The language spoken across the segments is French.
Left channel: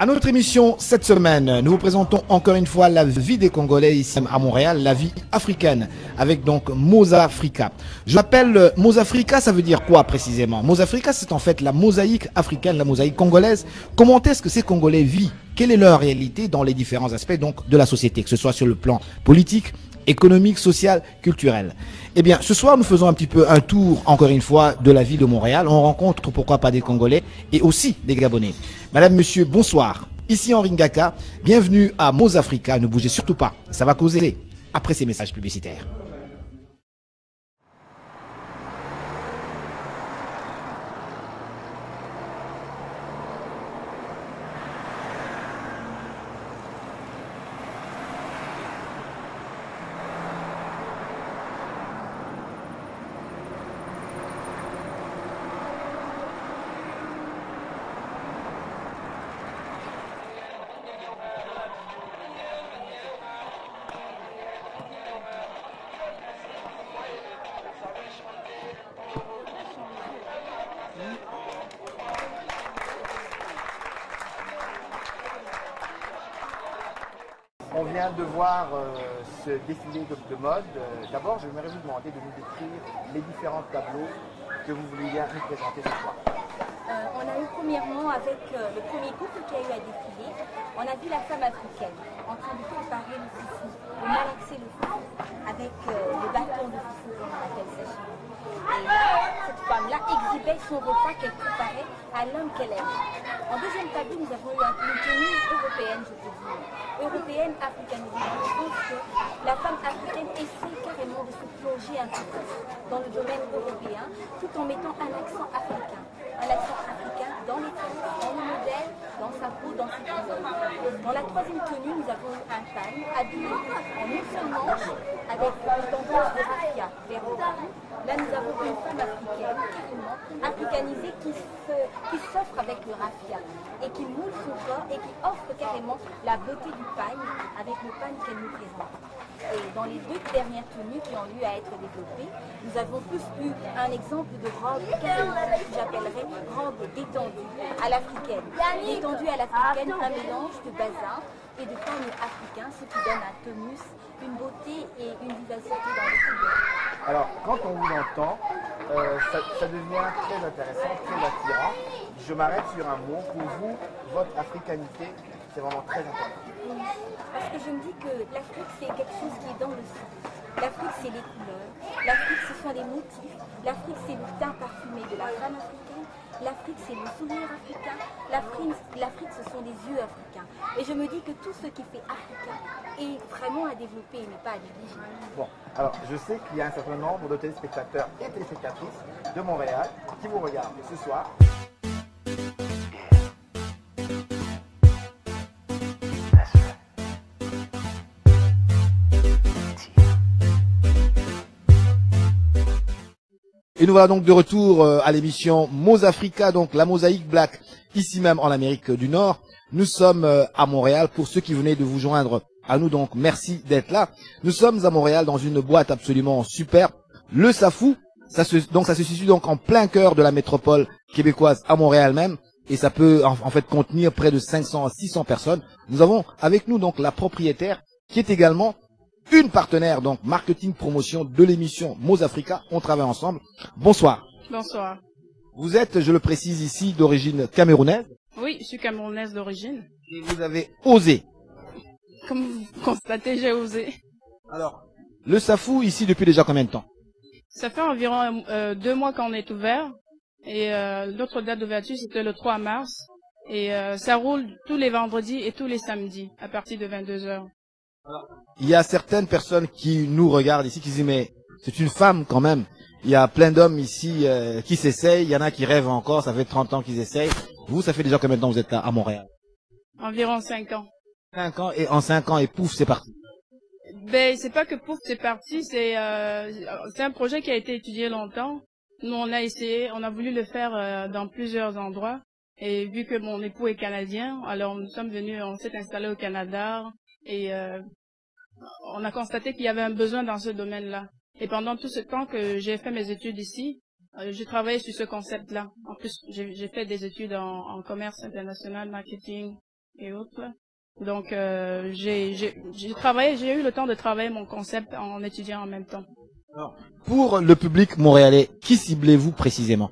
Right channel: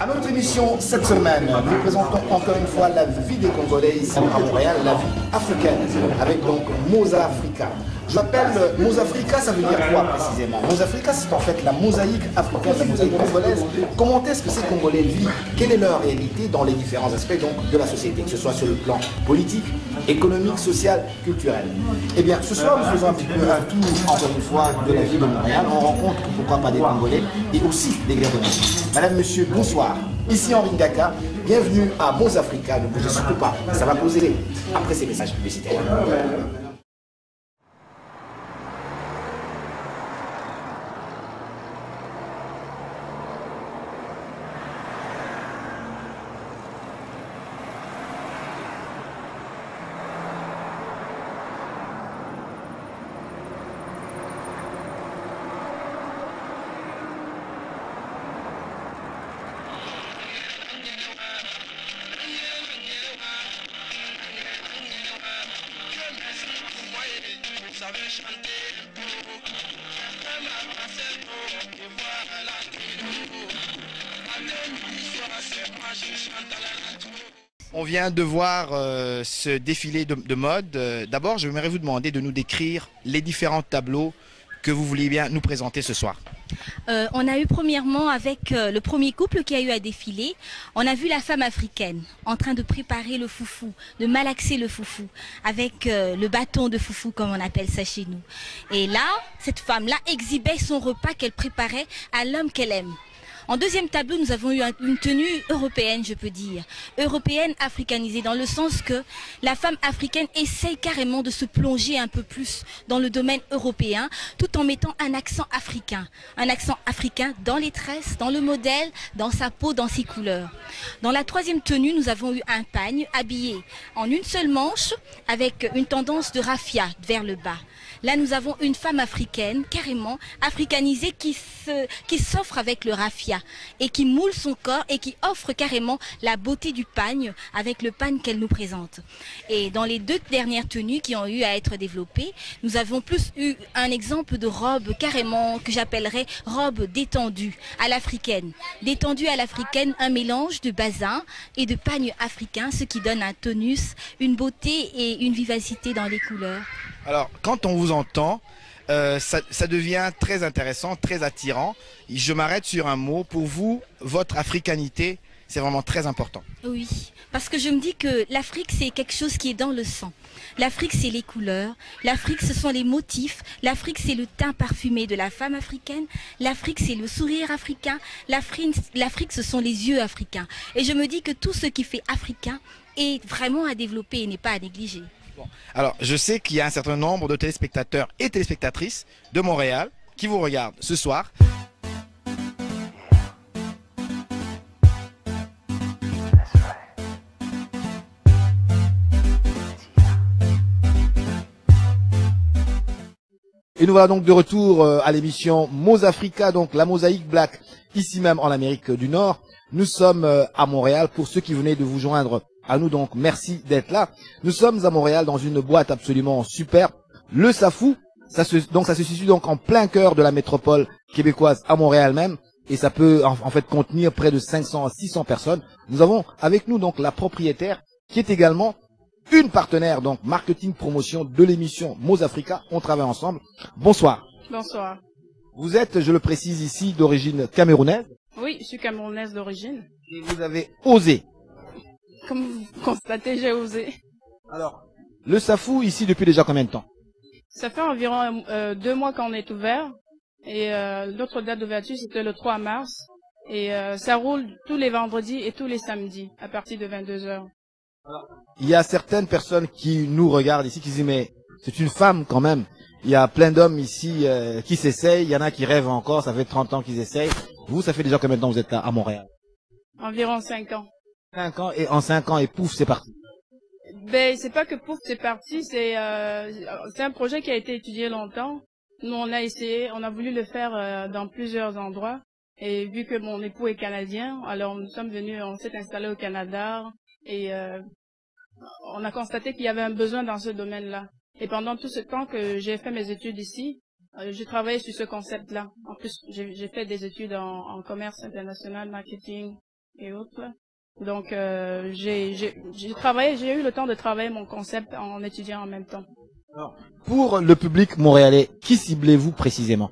À notre émission cette semaine, nous vous présentons encore une fois la vie des Congolais ici à Montréal, la vie africaine, avec donc Mozafrica. Je m'appelle Mozafrica, ça veut dire quoi précisément? Mozafrica, c'est en fait la mosaïque africaine, la mosaïque congolaise. Comment est-ce que ces Congolais vivent? Quelle est leur réalité dans les différents aspects donc, de la société, que ce soit sur le plan politique, économique, social, culturel? Eh bien, ce soir, nous faisons un petit peu un tour, encore une fois, de la vie de Montréal. On rencontre, pourquoi pas, des Congolais et aussi des Gabonais. Madame, monsieur, bonsoir. Ici Henri Ngaka, bienvenue à Mozafrica. Ne bougez surtout pas, ça va causer après ces messages publicitaires. On vient de voir ce défilé de mode. D'abord, j'aimerais vous demander de nous décrire les différents tableaux que vous vouliez bien nous présenter ce soir. On a eu premièrement avec le premier couple qui a eu à défiler, on a vu la femme africaine en train de préparer le foufou, de malaxer le foufou avec le bâton de foufou comme on appelle ça chez nous. Et là, cette femme-là exhibait son repas qu'elle préparait à l'homme qu'elle aime. En deuxième tableau, nous avons eu une tenue européenne, je peux dire. Européenne africanisée, dans le sens que la femme africaine essaye carrément de se plonger un peu plus dans le domaine européen, tout en mettant un accent africain. Un accent africain dans les tresses, dans le modèle, dans sa peau, dans ses couleurs. Dans la troisième tenue, nous avons eu un pagne habillé en une seule manche, avec une tendance de raffia vers le bas. Là, nous avons une femme africaine, carrément africanisée, qui s'offre avec le raffia et qui moule son corps et qui offre carrément la beauté du pagne avec le pagne qu'elle nous présente. Et dans les deux dernières tenues qui ont eu à être développées, nous avons plus eu un exemple de robe carrément que j'appellerais robe détendue à l'africaine. Détendue à l'africaine, un mélange de bazin et de pagne africain, ce qui donne un tonus, une beauté et une vivacité dans les couleurs. Alors, quand on vous entend, ça devient très intéressant, très attirant. Je m'arrête sur un mot. Pour vous, votre africanité, c'est vraiment très important. Oui, parce que je me dis que l'Afrique, c'est quelque chose qui est dans le sang. L'Afrique, c'est les couleurs. L'Afrique, ce sont les motifs. L'Afrique, c'est le teint parfumé de la femme africaine. L'Afrique, c'est le sourire africain. L'Afrique, ce sont les yeux africains. Et je me dis que tout ce qui fait africain est vraiment à développer et n'est pas à négliger. Bon. Alors, je sais qu'il y a un certain nombre de téléspectateurs et téléspectatrices de Montréal qui vous regardent ce soir. Et nous voilà donc de retour à l'émission Mozafrica, donc la mosaïque black, ici même en Amérique du Nord. Nous sommes à Montréal. Pour ceux qui venaient de vous joindre à nous, donc merci d'être là. Nous sommes à Montréal dans une boîte absolument superbe, le Safou. Ça se situe donc en plein cœur de la métropole québécoise à Montréal même. Et ça peut en fait contenir près de 500 à 600 personnes. Nous avons avec nous donc la propriétaire qui est également une partenaire, donc marketing promotion de l'émission Mozafrica. On travaille ensemble. Bonsoir. Bonsoir. Vous êtes, je le précise ici, d'origine camerounaise. Oui, je suis camerounaise d'origine. Et vous avez osé. Comme vous constatez, j'ai osé. Alors, le Safou ici depuis déjà combien de temps? Ça fait environ 2 mois qu'on est ouvert. Et l'autre date d'ouverture, c'était le 3 mars. Et ça roule tous les vendredis et tous les samedis à partir de 22h. Il y a certaines personnes qui nous regardent ici qui disent mais c'est une femme quand même. Il y a plein d'hommes ici qui s'essayent. Il y en a qui rêvent encore. Ça fait 30 ans qu'ils essayent. Vous, ça fait déjà combien de temps que vous êtes à Montréal? Environ 5 ans. 5 ans et en 5 ans et pouf, c'est parti. Ben, c'est pas que pouf, c'est parti. C'est un projet qui a été étudié longtemps. Nous, on a essayé, on a voulu le faire dans plusieurs endroits. Et vu que mon époux est canadien, alors nous sommes venus, on s'est installé au Canada et on a constaté qu'il y avait un besoin dans ce domaine-là. Et pendant tout ce temps que j'ai fait mes études ici, j'ai travaillé sur ce concept-là. En plus, j'ai fait des études en commerce international, marketing, et autres. Donc, j'ai eu le temps de travailler mon concept en étudiant en même temps. Alors, pour le public montréalais, qui ciblez-vous précisément?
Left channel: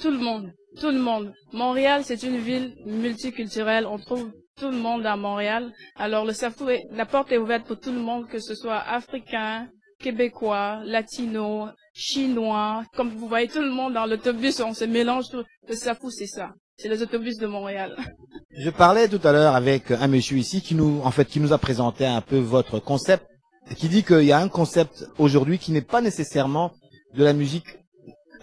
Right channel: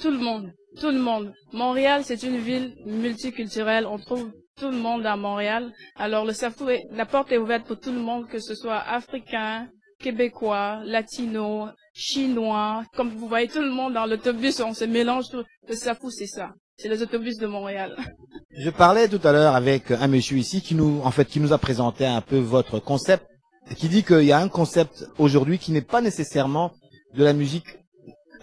Tout le monde, tout le monde. Montréal, c'est une ville multiculturelle. On trouve tout le monde à Montréal. Alors, le Safou, la porte est ouverte pour tout le monde, que ce soit africain, québécois, latino, chinois. Comme vous voyez, tout le monde dans l'autobus, on se mélange. Le Safou, c'est ça. C'est les autobus de Montréal. Je parlais tout à l'heure avec un monsieur ici qui nous a présenté un peu votre concept, qui dit qu'il y a un concept aujourd'hui qui n'est pas nécessairement de la musique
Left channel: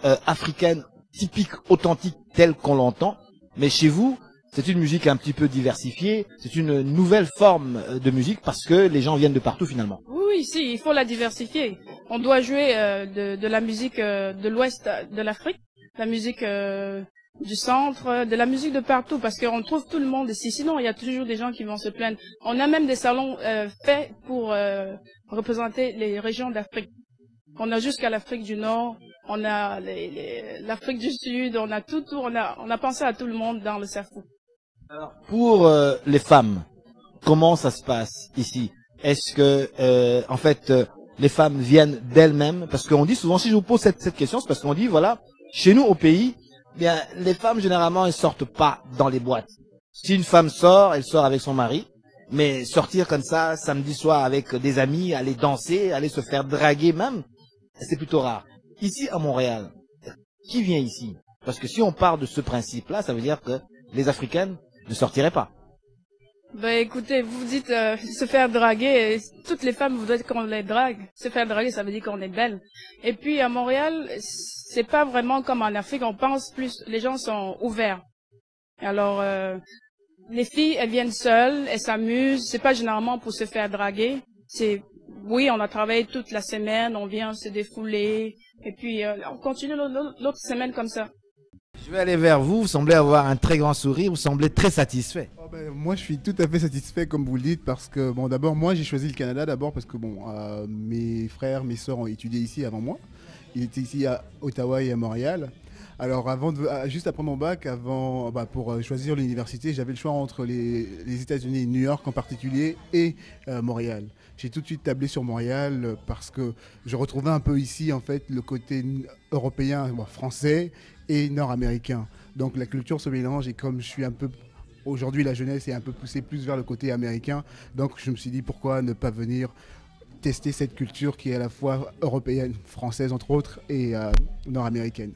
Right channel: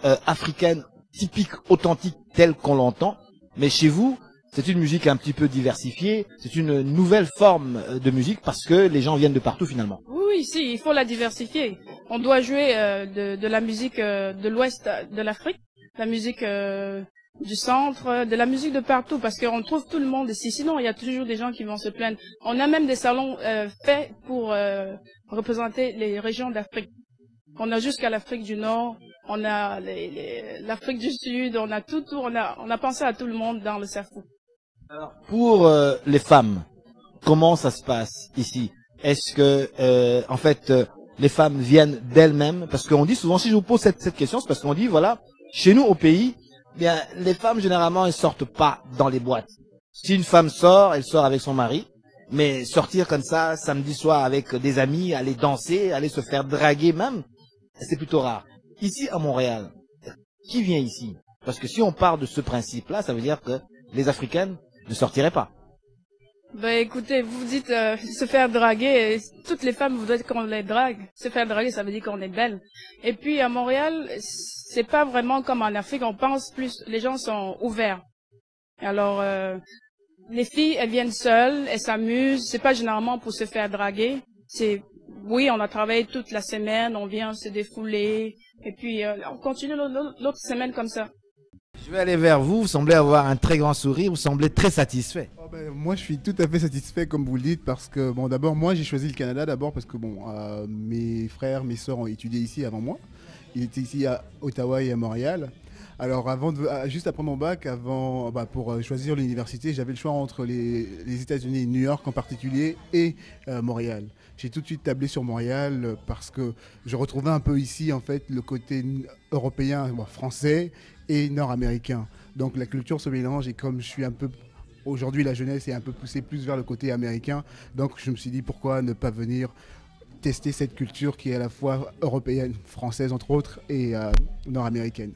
africaine typique, authentique, telle qu'on l'entend, mais chez vous, c'est une musique un petit peu diversifiée, c'est une nouvelle forme de musique parce que les gens viennent de partout finalement. Oui, si, il faut la diversifier. On doit jouer de la musique de l'ouest de l'Afrique, la musique du centre, de la musique de partout, parce qu'on trouve tout le monde ici. Sinon, il y a toujours des gens qui vont se plaindre. On a même des salons faits pour représenter les régions d'Afrique. On a jusqu'à l'Afrique du Nord, on a l'Afrique du Sud, on a tout, on a pensé à tout le monde dans le Safou. Alors, pour les femmes, comment ça se passe ici? Est-ce que, en fait, les femmes viennent d'elles-mêmes? Parce qu'on dit souvent, si je vous pose cette question, c'est parce qu'on dit, voilà, chez nous au pays, bien, les femmes généralement, elles sortent pas dans les boîtes. Si une femme sort, elle sort avec son mari. Mais sortir comme ça, samedi soir avec des amis, aller danser, aller se faire draguer même, c'est plutôt rare. Ici à Montréal, qui vient ici? Parce que si on part de ce principe-là, ça veut dire que les Africaines ne sortiraient pas. Ben écoutez, vous dites se faire draguer, toutes les femmes voudraient qu'on les drague. Se faire draguer, ça veut dire qu'on est belle. Et puis à Montréal, c'est pas vraiment comme en Afrique, on pense plus, les gens sont ouverts. Alors les filles, elles viennent seules, elles s'amusent, c'est pas généralement pour se faire draguer. Oui, on a travaillé toute la semaine, on vient se défouler, et puis on continue l'autre semaine comme ça. Je vais aller vers vous, vous semblez avoir un très grand sourire, vous semblez très satisfait. Oh ben, moi, je suis tout à fait satisfait, comme vous le dites, parce que, bon, d'abord, moi, j'ai choisi le Canada d'abord parce que, bon, mes frères, mes sœurs ont étudié ici avant moi. Ils étaient ici à Ottawa et à Montréal. Alors, juste après mon bac, pour choisir l'université, j'avais le choix entre les États-Unis, New York en particulier, et Montréal. J'ai tout de suite tablé sur Montréal parce que je retrouvais un peu ici, en fait, le côté européen, français et nord-américain. Donc, la culture se mélange et comme je suis un peu... Aujourd'hui, la jeunesse est un peu poussée plus vers le côté américain. Donc, je me suis dit, pourquoi ne pas venir tester cette culture qui est à la fois européenne, française entre autres, et nord-américaine.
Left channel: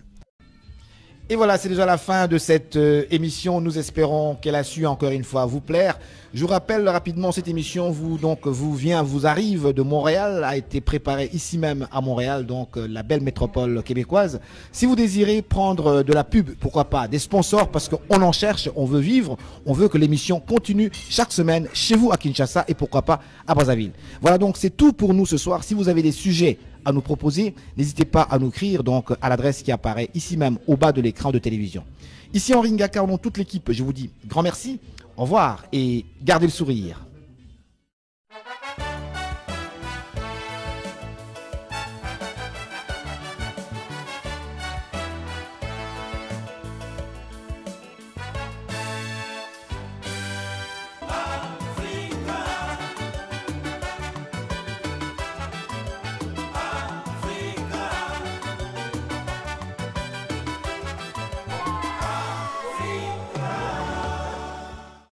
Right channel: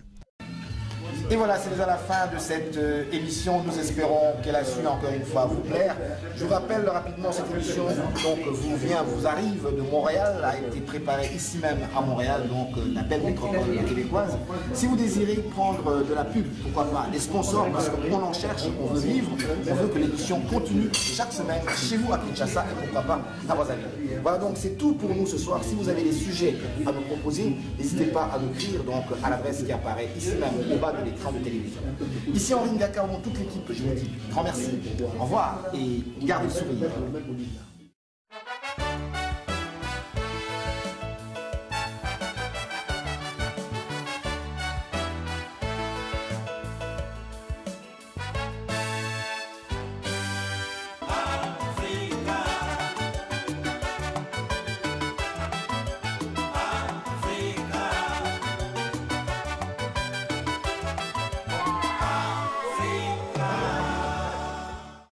Et voilà, c'est déjà la fin de cette émission. Nous espérons qu'elle a su encore une fois vous plaire. Je vous rappelle rapidement, cette émission vous arrive de Montréal, a été préparée ici même à Montréal, donc la belle métropole québécoise. Si vous désirez prendre de la pub, pourquoi pas, des sponsors, parce qu'on en cherche, on veut vivre, on veut que l'émission continue chaque semaine chez vous à Kinshasa et pourquoi pas à Brazzaville. Voilà, donc c'est tout pour nous ce soir. Si vous avez des sujets à nous proposer, n'hésitez pas à nous écrire donc à l'adresse qui apparaît ici même au bas de l'écran de télévision. Ici Henri Ngaka, toute l'équipe, je vous dis grand merci, au revoir et gardez le sourire.